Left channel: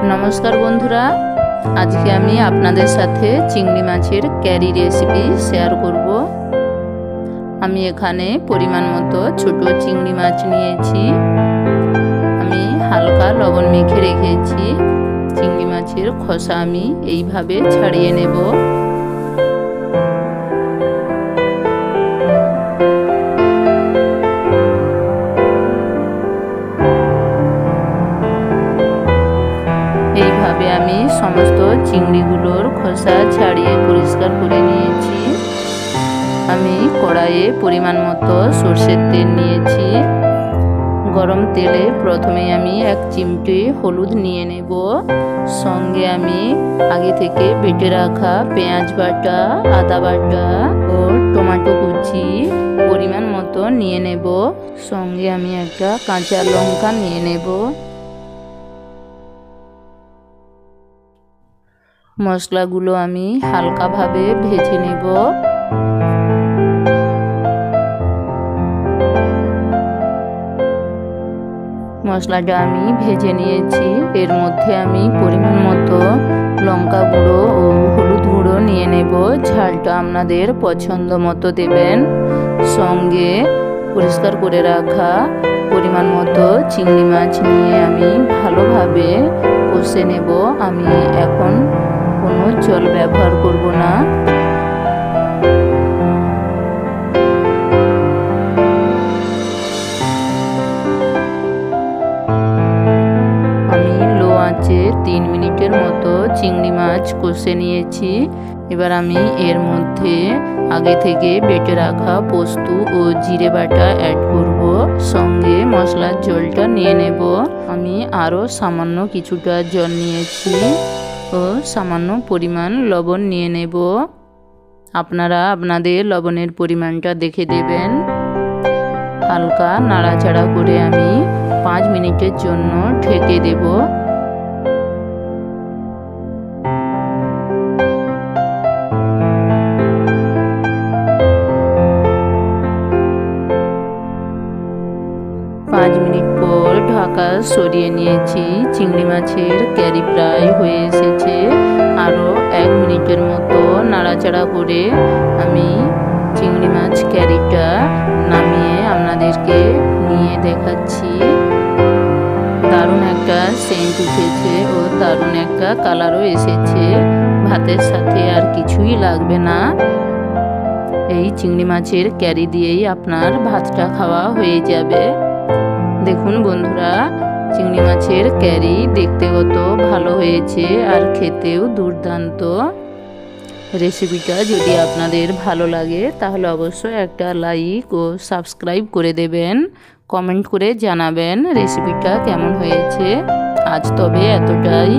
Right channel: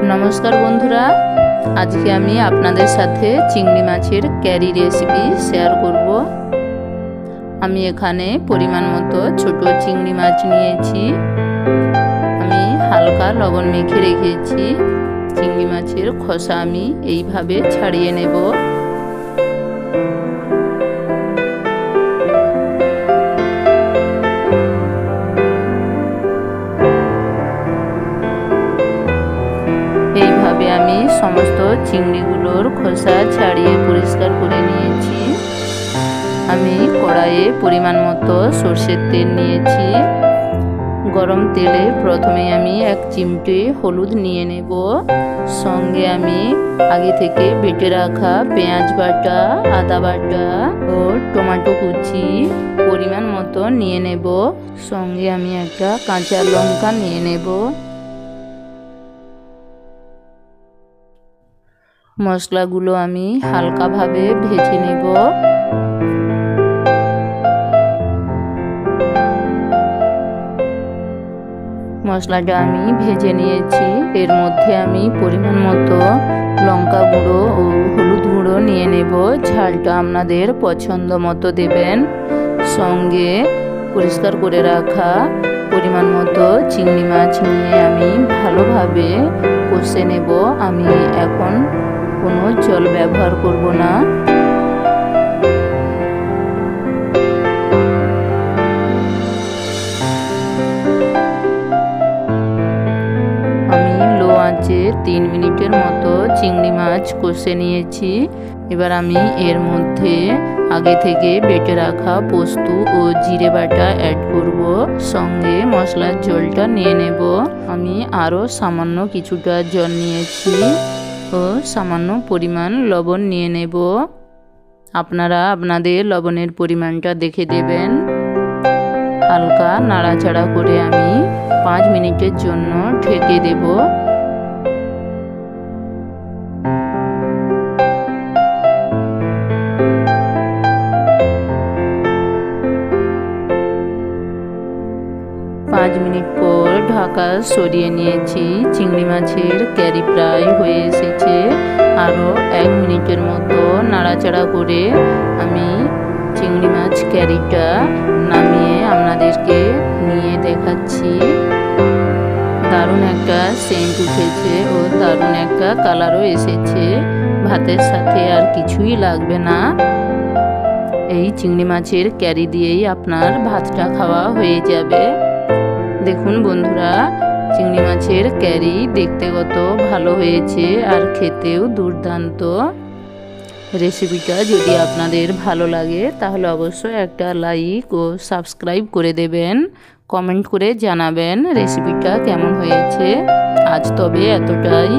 नमस्कार बंधुरा आज के आमी आपनादेर साथे चिंगड़ी माछेर क्यारी रेसिपि शेयर करब। आमी एखाने परिमाण मतो छोटो चिंगड़ी माछ नियेछि। आमी हालका लवण मेखे रेखेछि। चिंगड़ी माछेर खोसा आमी एइभाবে छाड़िये नेब। এইভাবে আমি সমস্ত চিংড়িগুলোর খোসা ছাড়িয়ে পরিষ্কার করে নিয়েছি। আমি কড়াইয়ে পরিমাণ মতো সরষের তেল নিয়েছি। গরম তেলে প্রথমে আমি এক চিমটে হলুদ নিয়ে নেব। সঙ্গে আমি আগে থেকে বেটে রাখা পেঁয়াজ বাটা, আদা বাটা ও টমেটো কুচি পরিমাণ মতো নিয়ে নেব। সঙ্গে আমি একটা কাঁচা লঙ্কা নিয়ে নেব। মশলাগুলো আমি হালকাভাবে ভেজে নেব। মশলাটা আমি ভেজে নিয়েছি। এর মধ্যে আমি পরিমাণ মতো লঙ্কা গুঁড়ো ও হলুদ গুঁড়ো নিয়ে নেব। ঝালটা আপনাদের পছন্দ মতো দেবেন। সঙ্গে পরিষ্কার করে রাখা পরিমাণ মতো চিংড়ি মাছ নিয়ে আমি ভালোভাবে কষে নেব। আমি এখন কোনো জল ব্যবহার করব না। আমি লো আঁচে 3 মিনিটের মতো চিংড়ি মাছ কষে নিয়েছি। এবার আমি এর মধ্যে আগে থেকে বেটে রাখা পোস্ত ও জিরে বাটা অ্যাড করব। সঙ্গে মশলার ঝোলটা নিয়ে নেব। আমি আরও সামান্য কিছুটা জল নিয়েছি ও সামান্য পরিমাণ লবণ নিয়ে নেব। আপনারা আপনাদের লবণের পরিমাণটা দেখে দেবেন। হালকা নাড়াচাড়া করে আমি 5 মিনিটের জন্য ঢেকে দেব। পাঁচ মিনিট পর ঢাকা সরিয়ে নিয়েছি। চিংড়ি মাছের ক্যারি প্রায় হয়ে এসেছে। আরও 1 মিনিটের মতো নাড়াচাড়া করে আমি চিংড়ি মাছ ক্যারিটা নামিয়ে আপনাদেরকে নিয়ে দেখাচ্ছি। দারুণ একটা সেন্ট উঠেছে ও দারুণ একটা কালারও এসেছে। ভাতের সাথে আর কিছুই লাগবে না। এই চিংড়ি মাছের ক্যারি দিয়েই আপনার ভাতটা খাওয়া হয়ে যাবে। দেখুন বন্ধুরা, চিংড়ি মাছের ক্যারি দেখতে কত ভালো হয়েছে আর খেতেও দুর্দান্ত। রেসিপিটা যদি আপনাদের ভালো লাগে তাহলে অবশ্যই একটা লাইক ও সাবস্ক্রাইব করে দেবেন। কমেন্ট করে জানাবেন রেসিপিটা কেমন হয়েছে। আজ তবে এতটাই।